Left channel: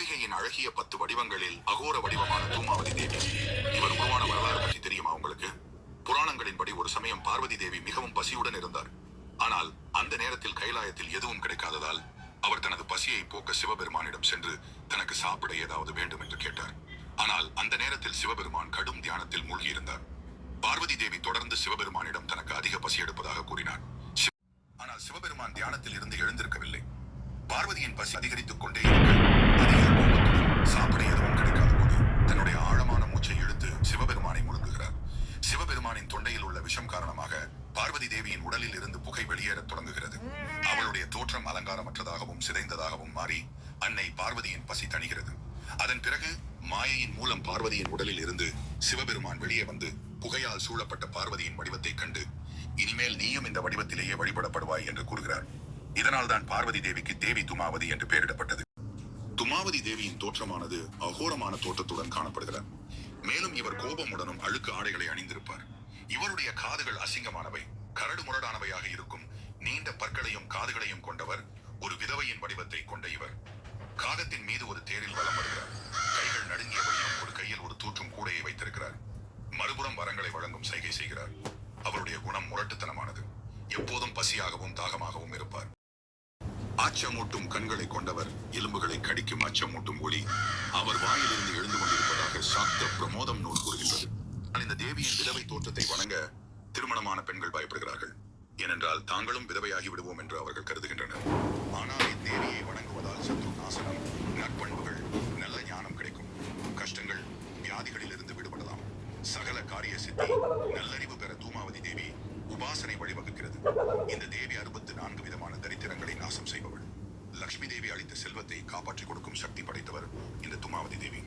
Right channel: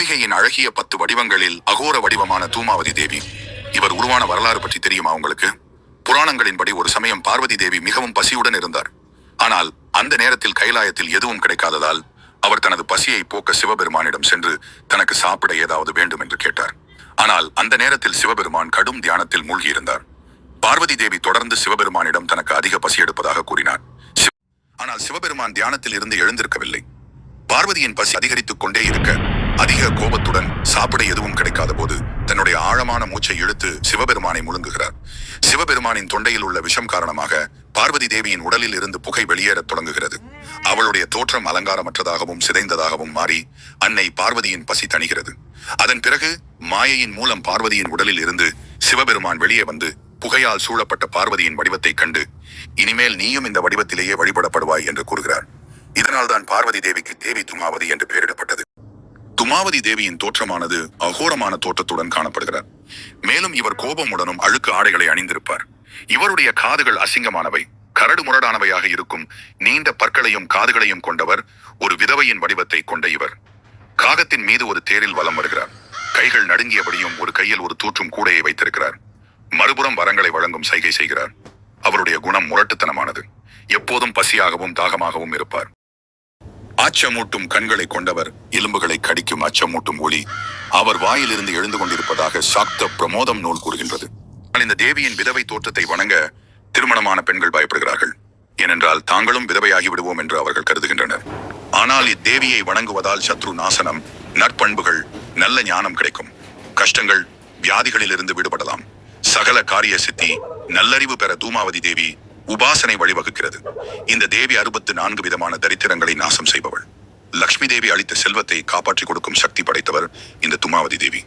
அம்பிகையின் அழகிய 10 வடிவங்களில் அகோர வடிவமான தூமாவதி தேவி. இவர் உருவான வரலாறு பற்றி தெரியுமா உங்களுக்கு? புராணங்களின்படி ஒரு சமயம் பார்வதி தேவி மிகவும் பசியுடன் இருந்தார். ஆனால் அந்த நேரத்தில் கைலாயத்தில் எதுவும் கிடைக்காததால் அவர் தனது பசியை போக்க சிவபெருமானிடம் சென்று தனக்கு சாப்பிட ஏதாவது வேண்டும் என்று கேட்டார். ஆனால் அந்த நேரத்தில் சிவபெருமான் கடும் தியானத்தில் மூழ்கியிருந்தார். பார்வதி தேவி தொடர்ந்து சிவபெருமானிடம் தனக்கு அதிக பசி எடுப்பதாக கூறினார். ஆனால் சிவபெருமான் தியானத்தில் இருந்து எழுந்திருக்கவில்லை. பார்வதியின் பசி அதிகரித்துக் கொண்டே இருக்க அதிக கோபத்துடன் சாப்பிட எதுவும் கிடைக்காத போது தன்னுடைய ஆழமான மூச்சை இழுத்து சிவபெருமானை முழுங்குகிறார். சிவபெருமானின் தொண்டையில் உள்ள விஷம் காரணமாக பார்வதி தேவியின் உடலில் இருந்து புகை வெளியேறத் தொடங்குகிறது. அவளுடைய தோற்றம் அலங்காரமற்றதாகவும் சிதைந்ததாகவும் மாறி அன்னை பார்வதியின் பசி தணிகிறது. அதன் பிறகு மாயையின் மூலம் பார்வதியின் உடலில் இருந்து சிவபெருமான் வெளியே வந்து புகையால் சூழப்பட்ட பார்வதியின் வடிவத்தை கண்டு, இனிமேல் நீயும் இந்த வடிவத்திலேயே வழிபடப்படுவாய் என்று கூறுகிறார். இதனால்தான் பார்வதி தேவிக்கு தேவி துமாவதி என்று பெயரிடப்பட்டது. துமாவதி தேவியின் தோற்றமானது அகோரமான தோற்றத்துடன் காணப்படுகிறார். மேலும் இவர் கோபமுடனும் அழுக்கு ஆடைகளை அணிந்திருப்பார். இவருடைய காதுகள் அசிங்கமானவை, கரடு முரடானவையாக இருக்கும் நீண்ட பற்களையும் காதுகளையும் கொண்டவர். ஒரு விதவையின் வடிவத்தை கொண்ட இவர் காகத்தின் மீது ஒரு தேரில் வலம் வருகிறார். கைகள் நடுங்கியபடியும் ஒரு கையில் ஒரு தூற்றும் கூடையை வைத்திருக்கிறார். மறுபுறம் வரங்களை வழங்கும் சைகை செய்கிறார். அவருடைய குணம் முரட்டுத்தனமானது. எப்போதும் பசியாகவும் தாகமாகவும் இருப்பார். அச்சமூட்டும் கண்களை கொண்டவர். எலும்புகளை கடிக்கும் அச்சமூட்டும் ஒளி அவர் வாயிலிருந்து எழுந்து கொண்டிருப்பதாக சாக்த பிரமோதம் நூல் கூறுகின்றது. இந்த தேவியின் விதவை தோற்றத்தை வணங்க திருமணமான பெண்கள் பயப்படுகிறார்கள். ஏனென்றால் தாங்களும் விதவையாகி விடுவோம் என்று அவர்கள் கருதுகின்றனர். ஆனால் இத்தேவியை வணங்குவதால் சத்ரு நாசனம், நற்பண்புகள், நல்ல ஞானம் கிடைக்கும். கஷ்டங்கள், வியாதிகளில் இருந்து விடுபடலாம். சகல காரிய சித்தி, நல்லறிவு பெற தூமாவதி தேவி உபாசனை வழிவகுக்கிறது. இந்த தேவி 64 விதமான தரித்திரங்களை நாசம் செய்பவள். லக்ஷ்மி தேவி அளித்த செல்வத்தை காப்பாற்றிக் கொடுக்கும் சக்தி படைத்தவர் இந்த துமாவதி தேவி.